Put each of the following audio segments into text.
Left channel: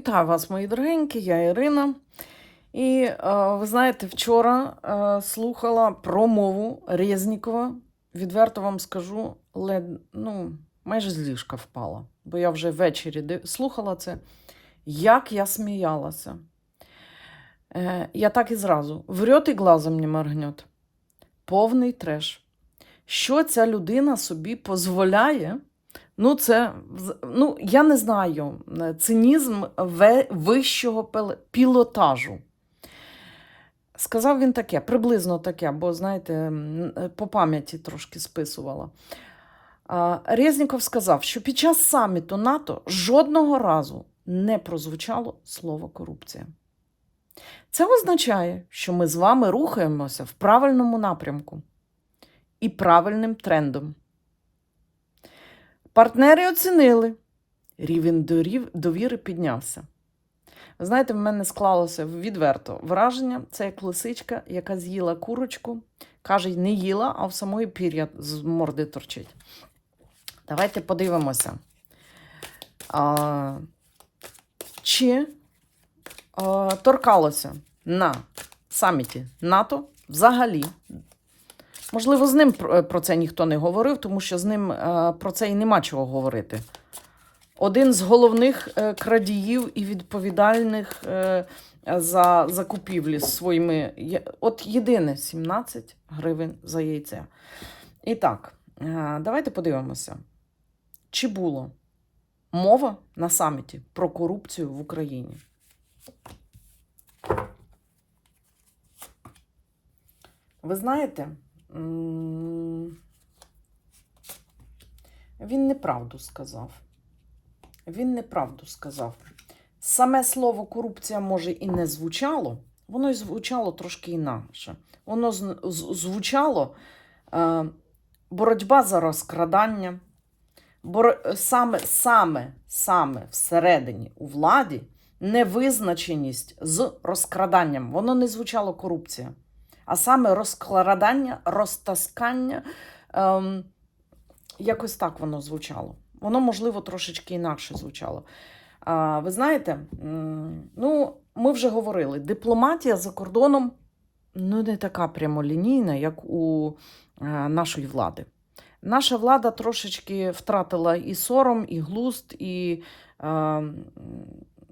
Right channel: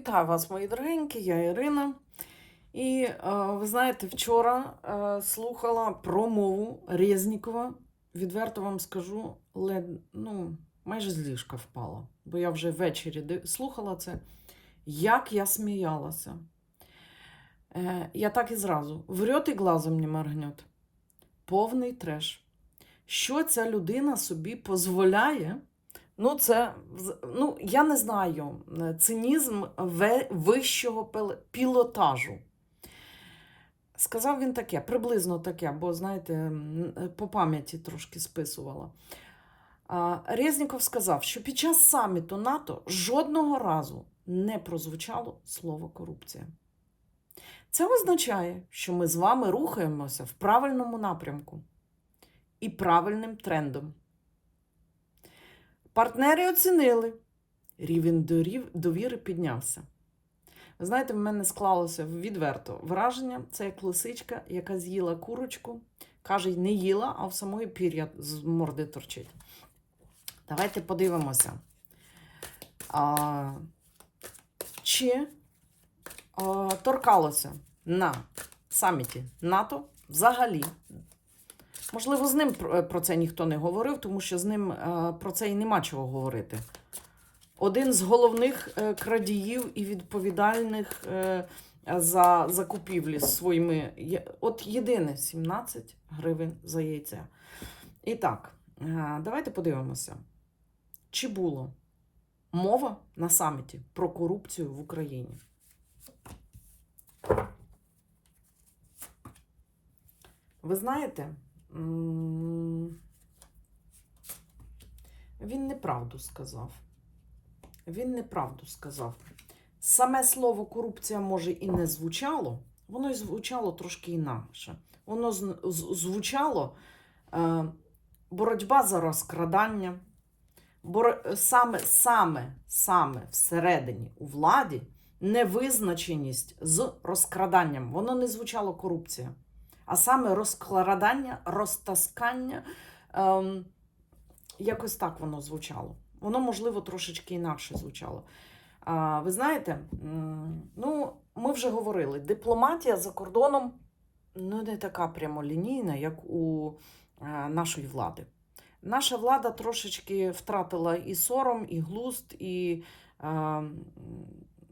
Вітаю вас, мої дорогенькі, я Ірина. І е, ви знаєте, вчора е, слухала промову Резнікова. Відверто вам скажу, лед, ну, майже з ліжка впала, бо я вже ввечері слухала це. Як я сміялася. Е, я так і зразу. Врет і глазом не моргнет. Повний треш. Що ця людина собі дозволяє? Ну, це ну, я не знаю. е, Цинізм вищого пілотажу. Сказав він таке, приблизно таке, бо, знаєте, е, по пам'яті трошки списувала. Резніков сказав, що під час саміту НАТО жодного разу не прозвучало слово корупція. Це означає, що ми з вами рухаємося в правильному напрямку і правильним трендом. Партнери оцінили, рівень довіри піднявся. Ви знаєте, в мене склалося відверто враження. Це як лисичка, яка з'їла курочку, каже, не їла, а в самої пір'я з морди торчить. Давайте подивимося. А, чи а, торкалося на саміті НАТО взагалі Можливо, з ним про це ніхто не говорив, тому що з ним е, про це і нема чого говорити. Один з головних е, крадіїв і відповідальних е, за закупівлі своїми. От єдине 17 гривень за яйце. І так, давайте подивимося, чи було мова на саміті про корупцію в Україні. Ви знаєте, він неправду сказав. Він неправду сказав. Саме слово корупція може і не звучало, воно і звучало трошки інакше. Воно звучало е, боротьба за розкрадання, боро- саме, саме, саме всередині у владі невизначеність з розкраданням. Воно не звучало корупція а саме розкладання, розтаскання. Ем, якось так воно звучало. Воно, можливо, трошечки інакше звучало. А, ви знаєте, ну, ми вже говорили, дипломатія за кордоном ну, не така прямолінійна, як у е, нашої влади. Наша влада трошечки втратила і сором, і глуст, і е,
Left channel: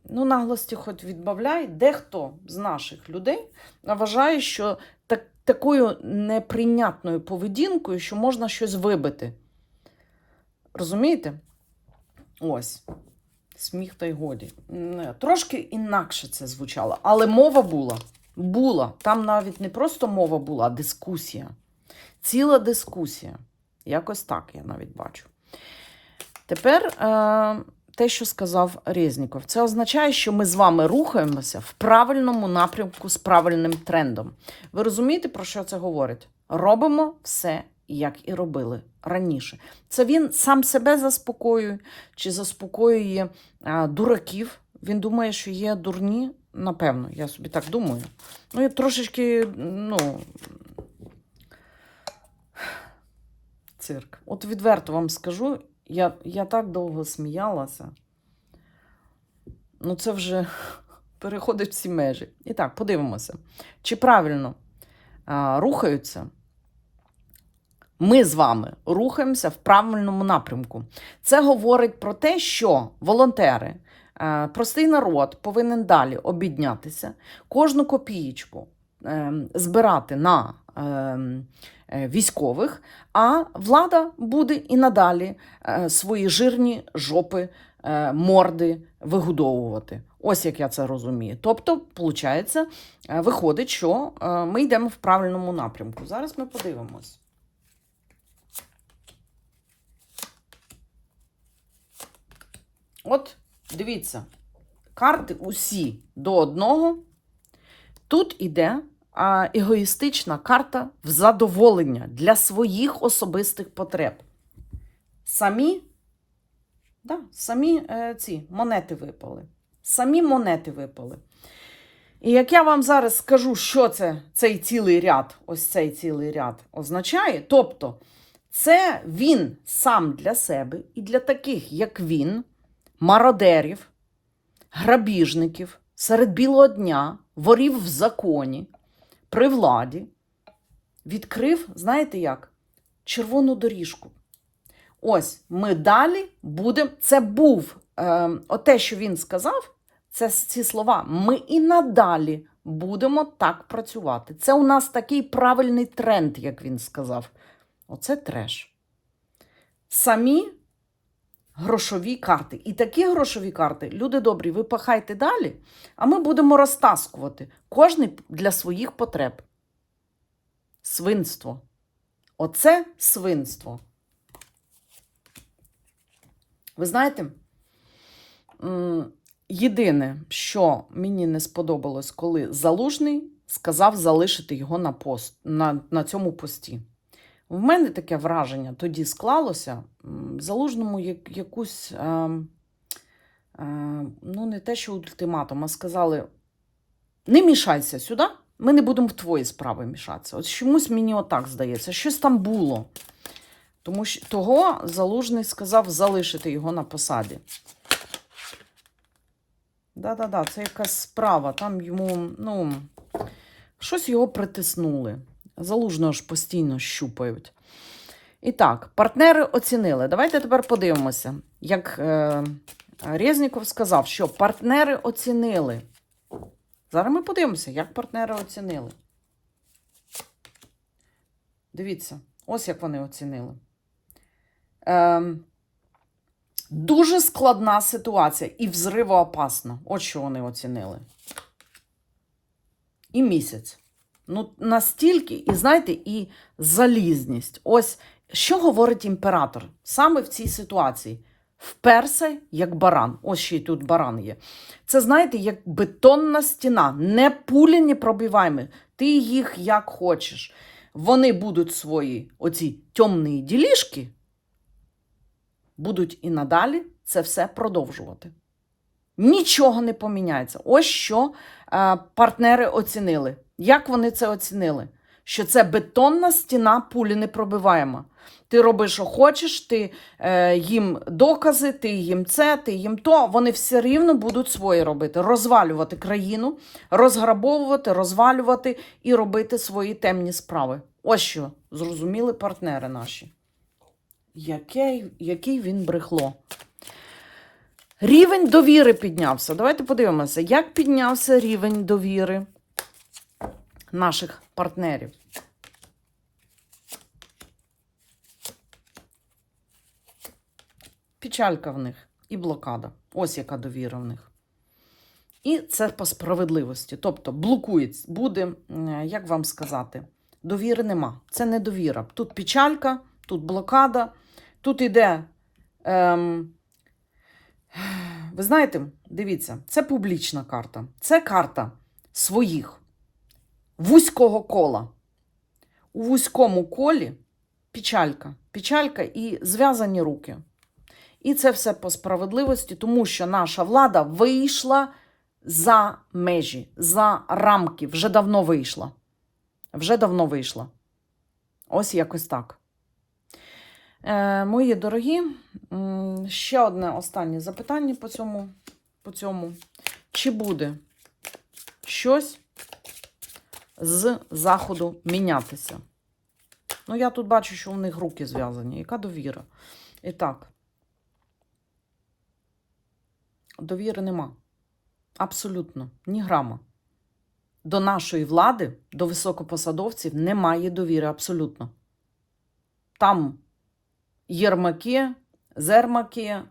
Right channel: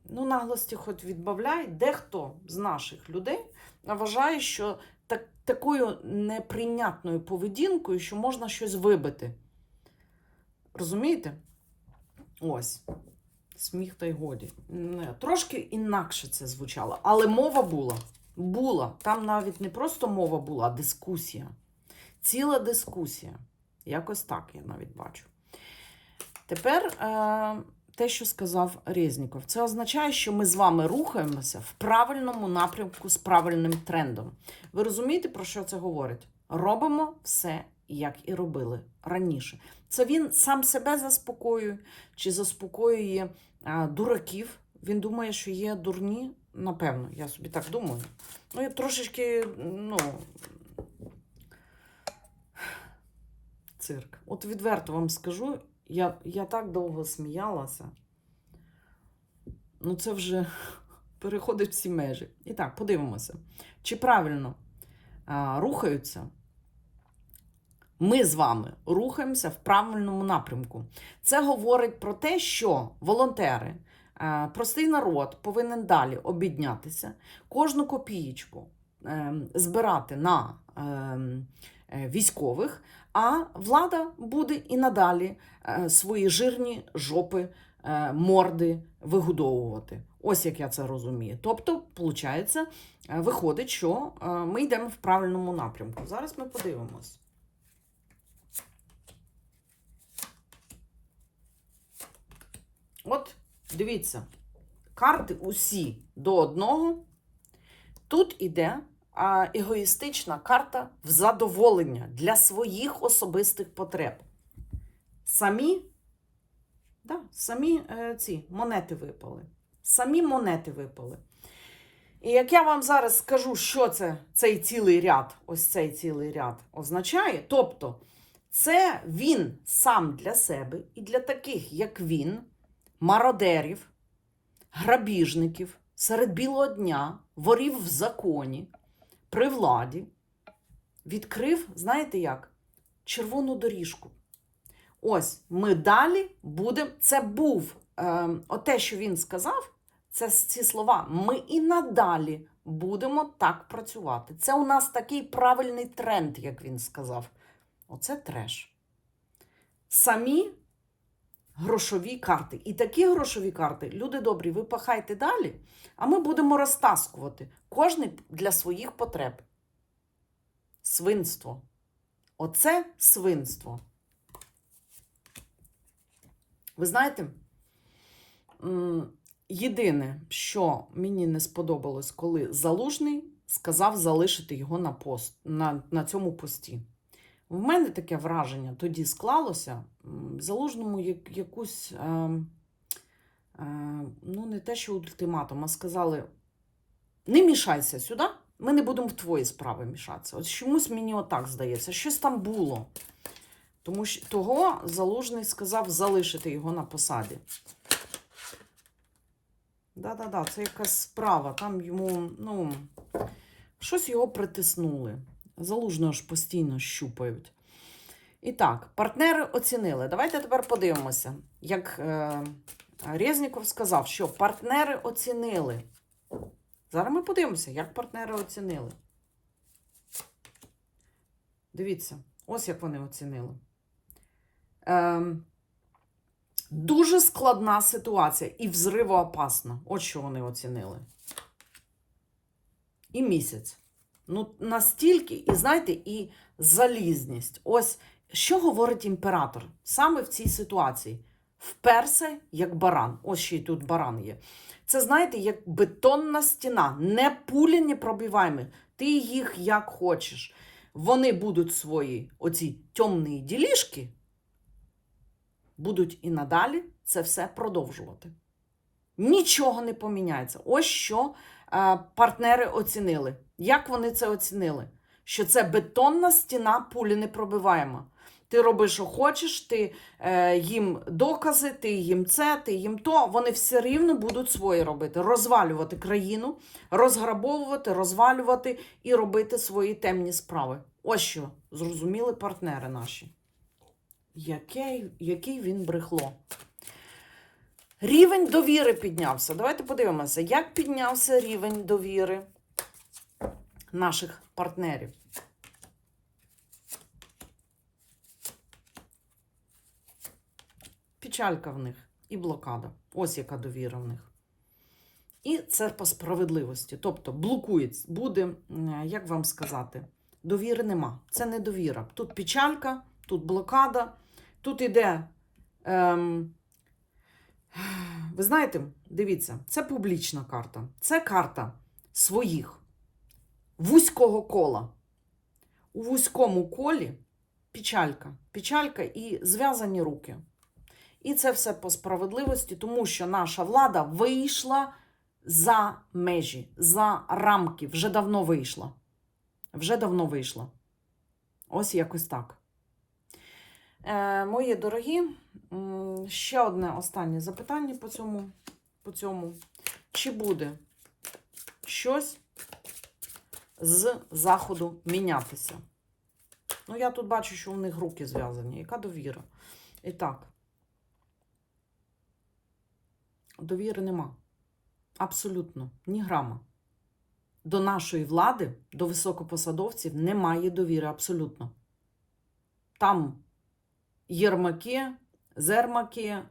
ну, наглості хоч відбавляй. Дехто з наших людей вважає, що так, такою неприйнятною поведінкою, що можна щось вибити. Розумієте? Ось. Сміх та й годі. Трошки інакше це звучало, але мова була. Була. Там навіть не просто мова була, а дискусія. Ціла дискусія. Якось так я навіть бачу. Тепер е, те, що сказав Резніков, це означає, що ми з вами рухаємося в правильному напрямку з правильним трендом. Ви розумієте, про що це говорить? Робимо все, як і робили раніше. Це він сам себе заспокоює чи заспокоює а, дураків. Він думає, що є дурні. Напевно, я собі так думаю. Ну, я трошечки, ну. Цирк. От відверто вам скажу, я, я так довго сміялася. Ну, це вже переходить всі межі. І так, подивимося, чи правильно а, рухаються. Ми з вами рухаємося в правильному напрямку. Це говорить про те, що волонтери, простий народ повинен далі обіднятися, кожну копієчку е, збирати на е, е, військових, а влада буде і надалі е, свої жирні жопи, е, морди вигодовувати. Ось як я це розумію. Тобто, виходить, виходить, що е, ми йдемо в правильному напрямку. Зараз ми подивимось. От, дивіться, карти усі до одного. Тут іде егоїстична карта в задоволення для своїх особистих потреб. Самі, да, самі е, ці монети випали. Самі монети випали. І як я вам зараз скажу, що це цей цілий ряд, ось цей цілий ряд означає, тобто це він сам для себе і для таких, як він, мародерів, грабіжників серед білого дня, ворів в законі, при владі, відкрив, знаєте як, червону доріжку. Ось ми далі будемо. Це був е, оте, що він сказав, це ці слова. Ми і надалі будемо так працювати. Це у нас такий правильний тренд, як він сказав. Оце треш. Самі грошові карти. І такі грошові карти, люди добрі, ви пахайте далі, а ми будемо розтаскувати кожний для своїх потреб. Свинство. Оце свинство. Ви знаєте, єдине, що мені не сподобалось, коли Залужний сказав залишити його на, пост, на, на цьому пості. В мене таке враження тоді склалося. Залужному як, якусь, е, е, ну, не те, що ультиматум, а сказали: не мішайся сюди, ми не будемо в твої справи мішатися. От чомусь мені отак здається, щось там було. Тому що того Залужний сказав залишити його на посаді. Да-да-да, це якась справа. Там йому, ну, щось його притиснули. Залужного ж постійно щупають. І так, партнери оцінили. Давайте тепер подивимося, як е, Резніков сказав, що партнери оцінили. Зараз ми подивимося, як партнери оцінили. Дивіться, ось як вони оцінили. Ем, дуже складна ситуація і взривоопасна. От що вони оцінили. І місяць. Ну, настільки, і знаєте, і залізність. Ось що говорить імператор саме в цій ситуації. Вперся як баран. Ось ще й тут баран є. Це, знаєте, як бетонна стіна, не пулі, не пробиваємо. Ти їх як хочеш. Вони будуть свої оці темні ділішки, будуть і надалі це все продовжувати. Нічого не поміняється. Ось що е, партнери оцінили. Як вони це оцінили? Що це бетонна стіна пулі не пробиваємо. Ти робиш, що хочеш, ти е, їм докази, ти їм це, ти їм то. Вони все рівно будуть свої робити. Розвалювати країну, розграбовувати, розвалювати і робити свої темні справи. Ось що зрозуміли партнери наші. Який, який він брехло. Рівень довіри піднявся. Давайте подивимося, як піднявся рівень довіри наших партнерів. Печалька в них і блокада. Ось яка довіра в них. І це по справедливості. Тобто блокується, буде, як вам сказати, довіри нема. Це не довіра. Тут печалька, тут блокада, тут іде. Ем, ви знаєте, дивіться, це публічна карта. Це карта своїх вузького кола. У вузькому колі печалька, печалька і зв'язані руки. І це все по справедливості, тому що наша влада вийшла за межі, за рамки. Вже давно вийшла. Вже давно вийшла. Ось якось так. Е, мої дорогі, ще одне останнє запитання по цьому, по цьому. Чи буде щось з заходу мінятися? Ну, я тут бачу, що у них руки зв'язані. Яка довіра? І так. Довіри нема. Абсолютно, ні грама. До нашої влади, до високопосадовців немає довіри абсолютно. Там Єрмаки, Зермаки,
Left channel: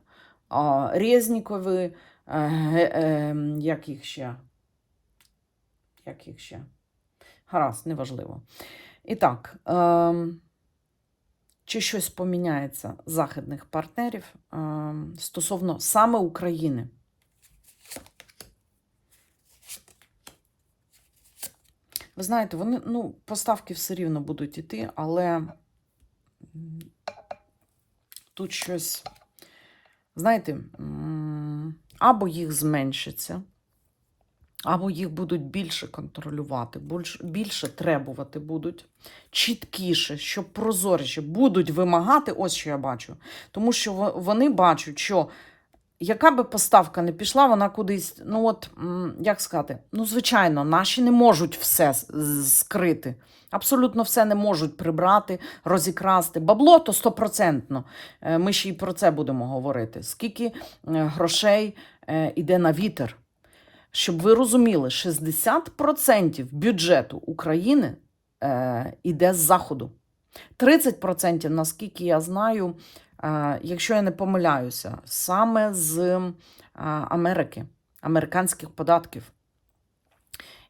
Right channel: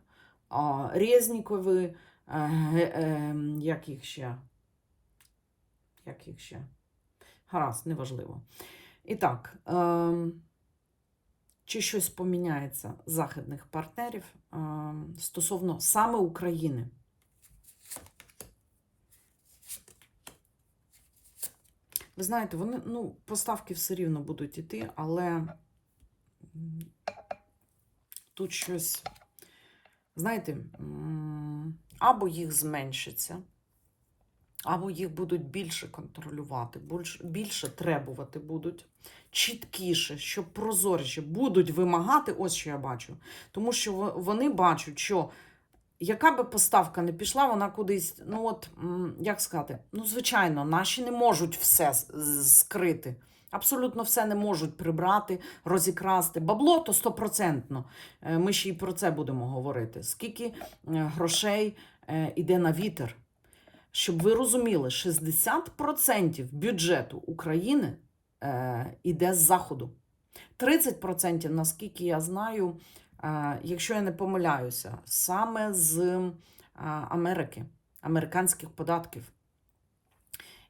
Резнікови, е, е, як їх ще? Як їх ще? Гаразд, неважливо. І так, е, чи щось поміняється західних партнерів е, стосовно саме України? Ви знаєте, вони, ну, поставки все рівно будуть іти, але тут щось, знаєте, або їх зменшиться, або їх будуть більше контролювати, більше, більше требувати будуть, чіткіше, щоб прозоріше будуть вимагати, ось що я бачу. Тому що вони бачать, що яка би поставка не пішла, вона кудись, ну от, як сказати, ну, звичайно, наші не можуть все скрити. Абсолютно все не можуть прибрати, розікрасти. Бабло то стопроцентно. Е, Ми ще й про це будемо говорити. Скільки е, грошей е, іде на вітер? Щоб ви розуміли, 60% бюджету України е, іде з заходу. 30%, наскільки я знаю, е, якщо я не помиляюся, саме з е, Америки, американських податків.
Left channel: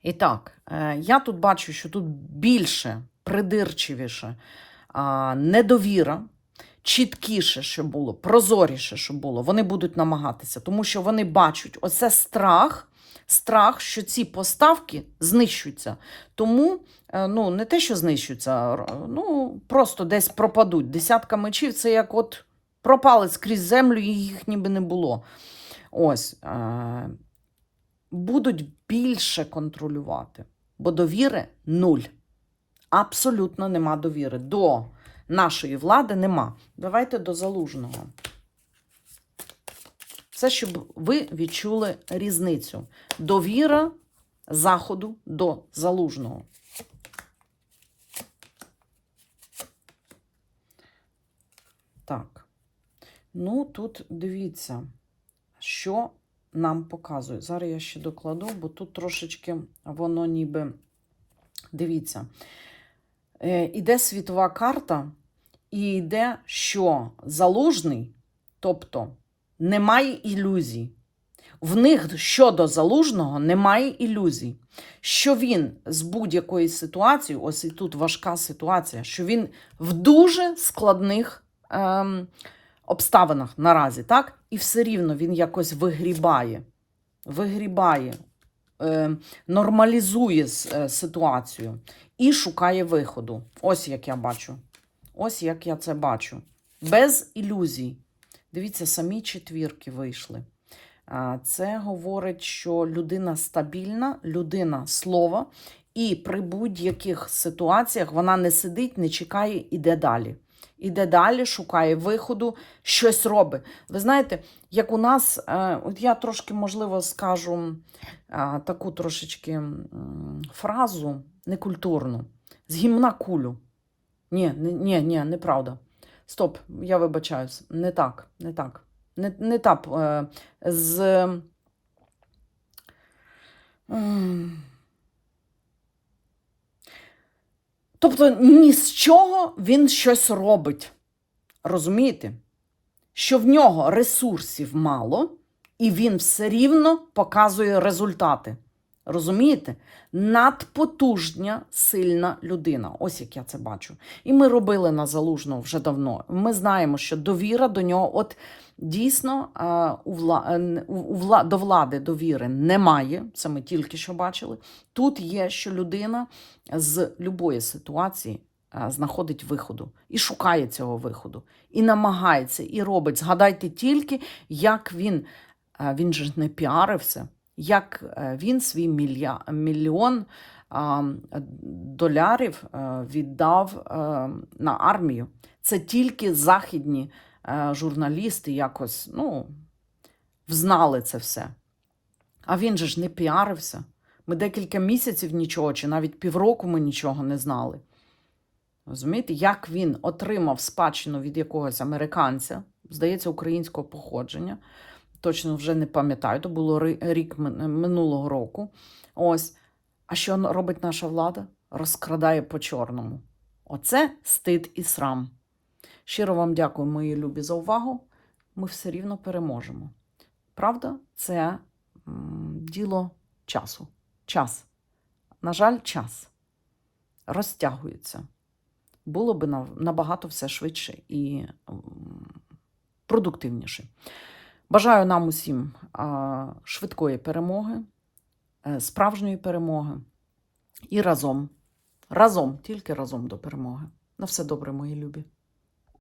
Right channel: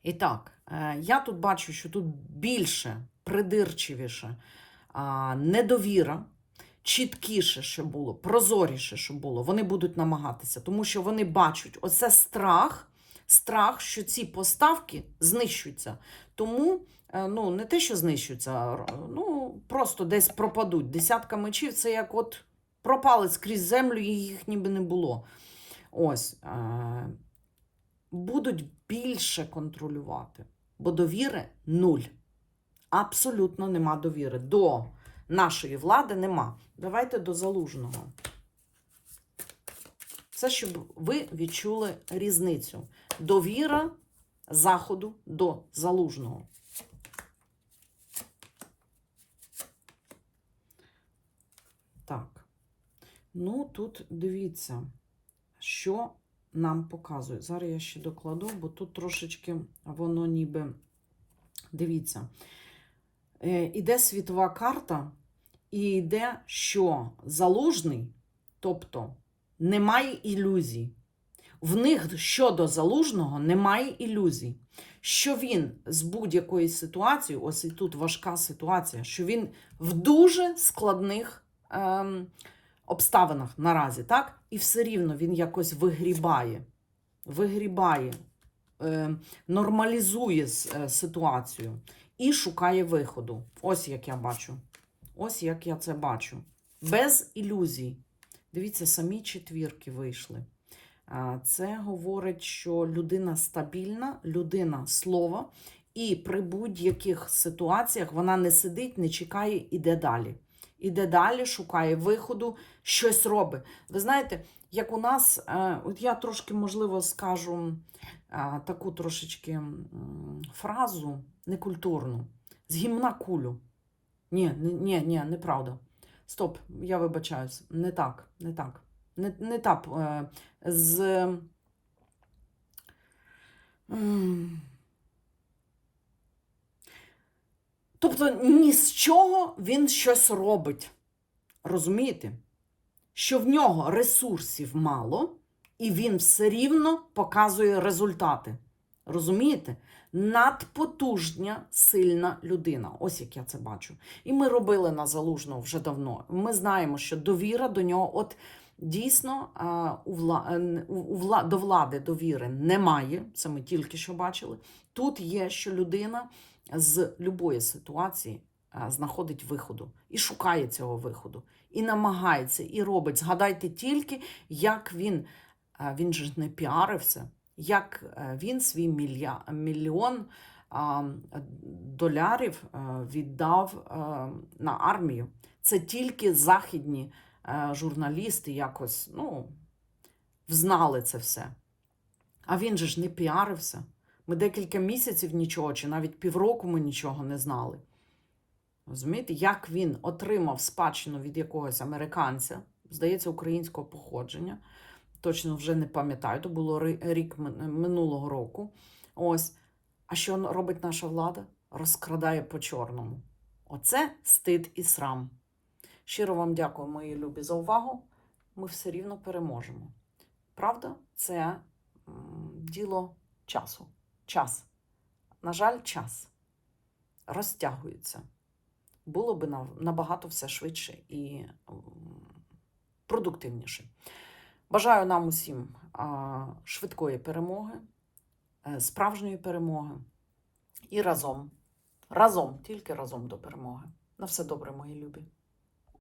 І так, е, я тут бачу, що тут більше, придирчивіше, а, недовіра, чіткіше, що було, прозоріше, що було. Вони будуть намагатися, тому що вони бачать оце страх, страх, що ці поставки знищуються. Тому, е, ну, не те, що знищуються, ну, просто десь пропадуть. Десятка мечів це як от пропали скрізь землю, і їх ніби не було. Ось. Е- будуть більше контролювати, бо довіри нуль. Абсолютно нема довіри. До нашої влади нема. Давайте до залужного. Це щоб ви відчули різницю. Довіра Заходу до залужного. Так. Ну, тут дивіться, що нам показує. Зараз я ще докладу, бо тут трошечки воно ніби. Дивіться, е, іде світова карта, і йде, що залужний, тобто немає ілюзій. В них щодо залужного немає ілюзій, що він з будь-якої ситуації, ось і тут важка ситуація, що він в дуже складних ем, обставинах наразі, так? І все рівно він якось вигрібає, вигрібає, е, нормалізує е, ситуацію і шукає виходу. Ось як я бачу. Ось як я це бачу. Без ілюзій. Дивіться, самі четвірки вийшли. Це говорить, що людина стабільна, людина слова, і при будь-яких ситуаціях вона не сидить, не чекає, іде далі. Іде далі, шукає виходу, щось робить. Ви знаєте, як у нас, е, от я трошки, можливо, скажу таку трошечки фразу некультурну. З гімна кулю. Ні, ні, ні, неправда. Стоп, я вибачаюсь. Не так, не так. Не, не так. Е, з. Тобто ні з чого він щось робить. Розумієте? Що в нього ресурсів мало, і він все рівно показує результати. Розумієте? Надпотужня, сильна людина. Ось як я це бачу. І ми робили на залужного вже давно. Ми знаємо, що довіра до нього, от дійсно, е, у вла... е, у- вла... до влади довіри немає. Це ми тільки що бачили. Тут є, що людина з любої ситуації е, знаходить виходу і шукає цього виходу, і намагається, і робить. Згадайте тільки, як він, він же не піарився, як е, він свій мільйон долярів е, віддав е, на армію. Це тільки західні журналісти якось ну, взнали це все. А він же ж не піарився. Ми декілька місяців нічого, чи навіть півроку ми нічого не знали. Розумієте, як він отримав спадщину від якогось американця, здається, українського походження. Точно вже не пам'ятаю, то було рік минулого року. Ось. А що робить наша влада? Розкрадає по чорному. Оце стид і срам. Щиро вам дякую, мої любі, за увагу. Ми все рівно переможемо. Правда, це діло часу. Час. На жаль, час розтягується. Було би набагато все швидше і продуктивніше. Бажаю нам усім швидкої перемоги, е, справжньої перемоги і разом. Разом, тільки разом до перемоги. На все добре, мої любі.